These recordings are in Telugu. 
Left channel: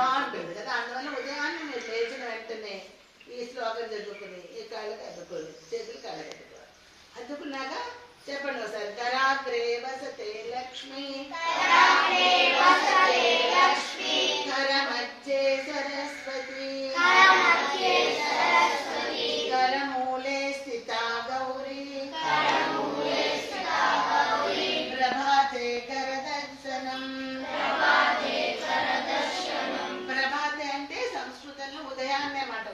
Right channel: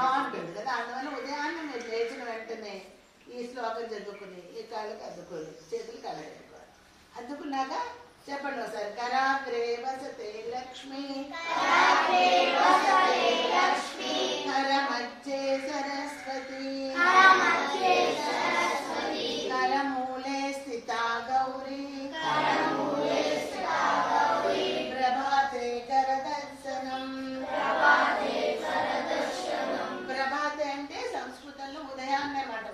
బాగుంటుంది కదా. అందువల్ల ఉదయాన్నే మీరు లేచిన వెంటనే ఈ శ్లోకం చదువుకుని ఈ కాళ్ళకి అద్దుకోండి, చేతులు కాళ్ళకి అద్దుకోవాలి. అద్దుకున్నాక చెప్పండి ఒకసారి. కరాగ్రే వసతే లక్ష్మి, కరమధ్యే సరస్వతి, కరమూలే స్థితా గౌరీ, ప్రభాతే కరదర్శనం. ప్రభాతే అంటే సంస్కృతంలో ఉదయాన్నే మాట.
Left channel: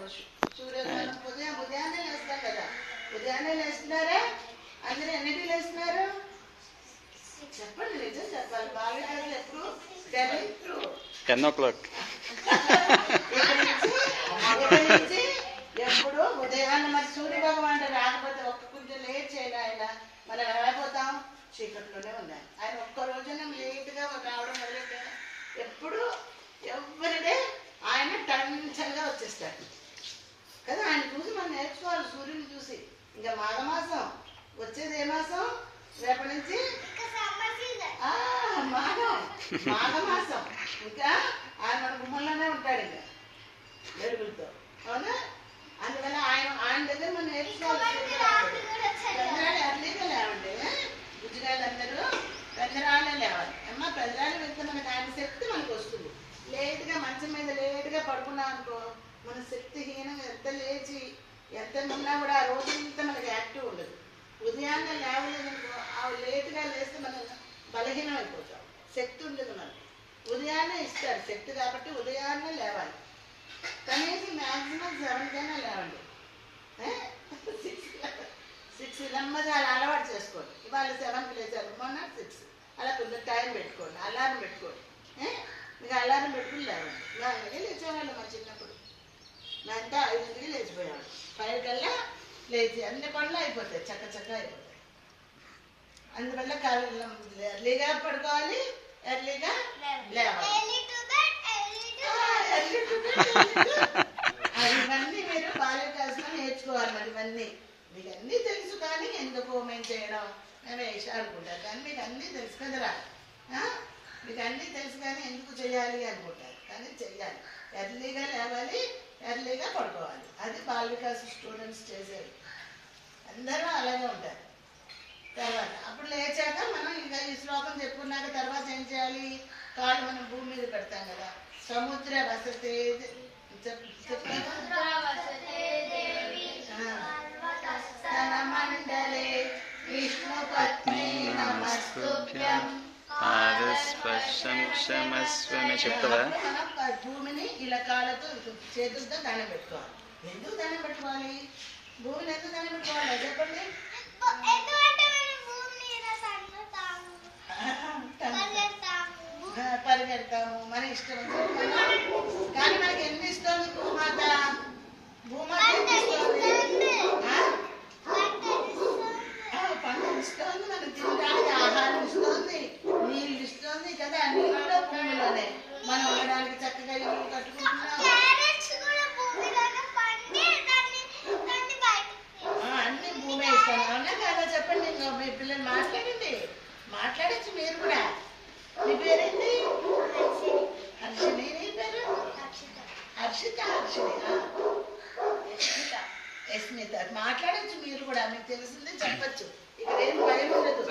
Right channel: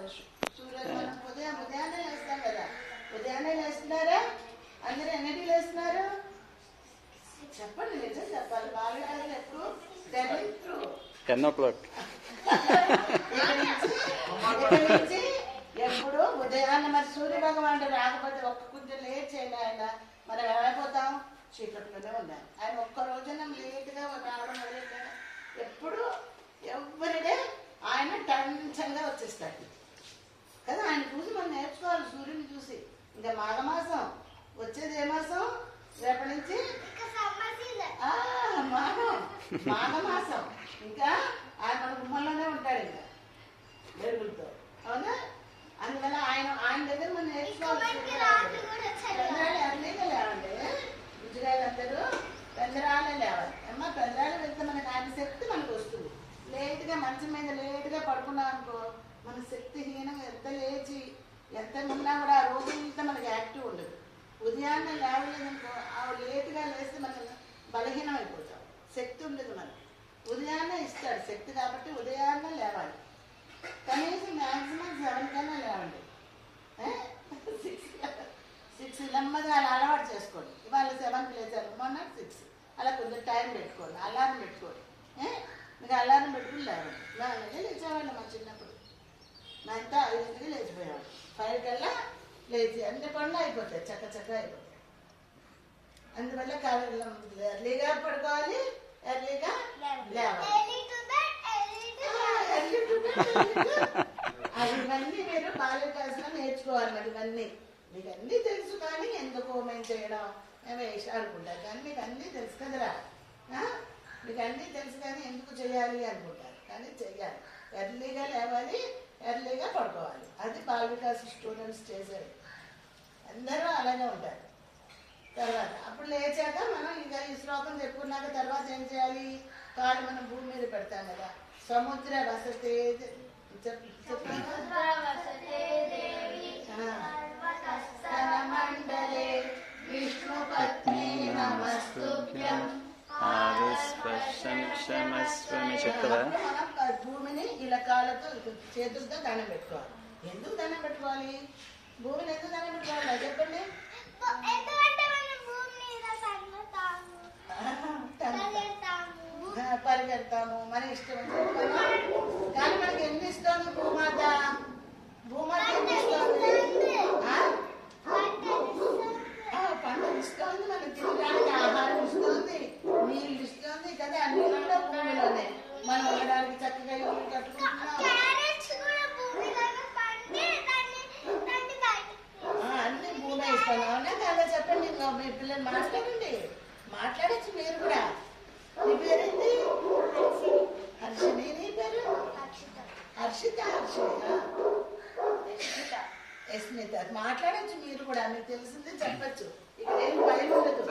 సూర్యోదయం ఉదయాన్నే లేస్తాం కదా. ఉదయాన్నే లేస్తున్నారా? అందరూ ఎన్నింటికి లేస్తున్నారు చెప్పండి, నిజం చెప్పాలి. బాగా ఎప్పుడు 10 o'clock. ఎప్పుడు ఉదయాన్నే. మరి సూర్య భగవానుడు రాకపోతే ఒక్క కొంచెం లేట్ చేయాలి ఆయన, మనం ఏమైపోతాం? చీకట్లోనే ఉండాలి. ఆయన ఒక్క రోజున లేట్గా రావడం మొదలెట్టారు. ఎప్పుడు ఎవరిడే ఆయన టెన్షన్గా వచ్చేస్తాడు కదా. ఆయన చూసి మనం నేర్చుకోవాలి, సూర్యుని చూసి. ఇంకా మాఘమాసం వచ్చేది ఏ మాసం? రేపటి నుంచి మాఘమాసం. ఇంకా ఆయన మన గుమ్మంలోనే ఉంటాడు ఇంకా వెలుగులతో, అవునా? అందువల్ల ఆయన దగ్గర మనం నేర్చుకోవాలి. పెందరాలు ఎర్లీగా లేవండి, గుజరాలు అందరూ పెందరాలే లేవాలి. అమ్మ పెందరాలు వెళ్తే మనకు ఆయన శక్తి మనకు వస్తుంది. లేట్గా మంచం మీద లేట్గా పడుకున్నాం అనుకో, మన శక్తిహీనంగా ఎంత లేచి ఎంత ఉన్నా కూడా ఆ రోజంతా మనకి యాక్టివ్ ఉండదు. ఉదయాన్నే లేవలేదనుకో, ఆ లేట్గా లేస్తే మనం బలహీనం అయిపోతాం, శక్తి ఉండదు మనకి. ఉదయాన్నే ఇస్తాడు శక్తి కాబట్టి ఉదయాన్నే లేవాలి. కనీసం మ్యాక్సిమం 7 కన్నా లేవండి. 6 నెమ్మదిగా అలా అలవాటు చేసుకోండి. ఇవాళ 7కి లేచారు, మొన్న 6 అలా కొంచెం టైం పెట్టుకోండి, అలారం పెట్టుకోండి. మీకు అలారం పెట్టుకుని లేవండి. అలాగే లేచేవాళ్ళు మా చిన్నప్పుడు. మేమంతా 5కి లేచిపోయాడు, 5 కల్లా లేచి అన్ని పనులు అయిపోతాయి, చక్కగా అయిపోతాయి. అందువల్ల ఎర్లీగా పడుకోవాలి, ఎర్లీగా లేవాలి. ఇవన్నీ మీరు బాల్యకాశంలో నేర్చుకోవాలి. మరి ఇవన్నీ మీకు అన్నీ తెలుసు, కానీ ఎందుకు మేము చేయడం, మేము వేషాలు అనుకుంటారు. కానీ మీకు అన్నీ తెలుసు కదరా. మీకు అన్నీ తెలుసు కానీ ఎందుకు చేయాలి అనుకుంటారు, కానీ చెయ్యాలి. ఎర్లీగా లేవాలి, ఎర్లీగా పడుకోవాలి. అది బాల్యకాశ స్టూడెంట్స్ చేసేది. అందరూ అలాగే ఉంటారు. తర్వాత అప్పుడు లేచాక మనం ఇంకా ఈ శ్లోకం చెప్పుకున్నాక తర్వాత ఏం చేయాలి? కాళ్ళు మనం భూమి మీద పెడతాం కదా. సముద్ర వసతే మండలే విష్ణు పత్ని నమస్తుభ్యం చెప్తావా? మనం భూమిని ఇలా కాళ్ళతో చేతులతో దండం పెట్టుకోవాలి. ఎందుకు దండం పెట్టుకోవాలి? భూమిని ఎందుకు దండం పెట్టుకోవాలి చెప్పండి. పరిగెడతాము, మన ఇష్టం. కానీ మనకి ఎన్ని ఇస్తుంది భూమాత? భూమాత ఎన్ని ఇస్తుంది? పంటలు ఇస్తుంది, మనకు తినడానికి ఆహారం ఇస్తుంది, నీళ్ళు ఇస్తుంది కదా. నీళ్ళు భూమిలోనే మనం ఉండడానికి చక్కగా ఇల్లు కట్టుకుంటున్నాం. అన్ని భూమే ఇస్తాను, అవునా కదా? చెప్పండి. మీ పిల్లలు మాట్లాడచ్చు మీరు కూడా. మీ పేరేంటి? హర్షిని. నీ పేరు? హర్షిత. యస్మిత. మాట్లాడచ్చు మీరు కూడా, మీకు తెలిసిందే చెప్పచ్చు. ఇక్కడ ఏం భయం ఉండదు.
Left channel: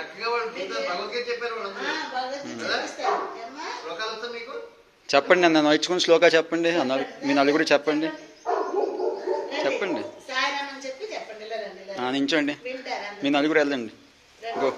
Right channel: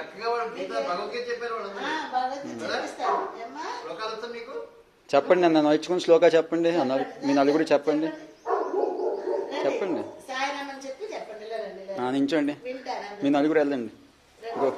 చెప్పండి అన్న, నేర్చుకుని శ్లోకా చెప్పండి. మీ నలుగురు చెప్పండి. సాయిరామని చెప్పి చెప్పండి. నించోండి, మీ నలుగురు వెళ్ళండి. గో.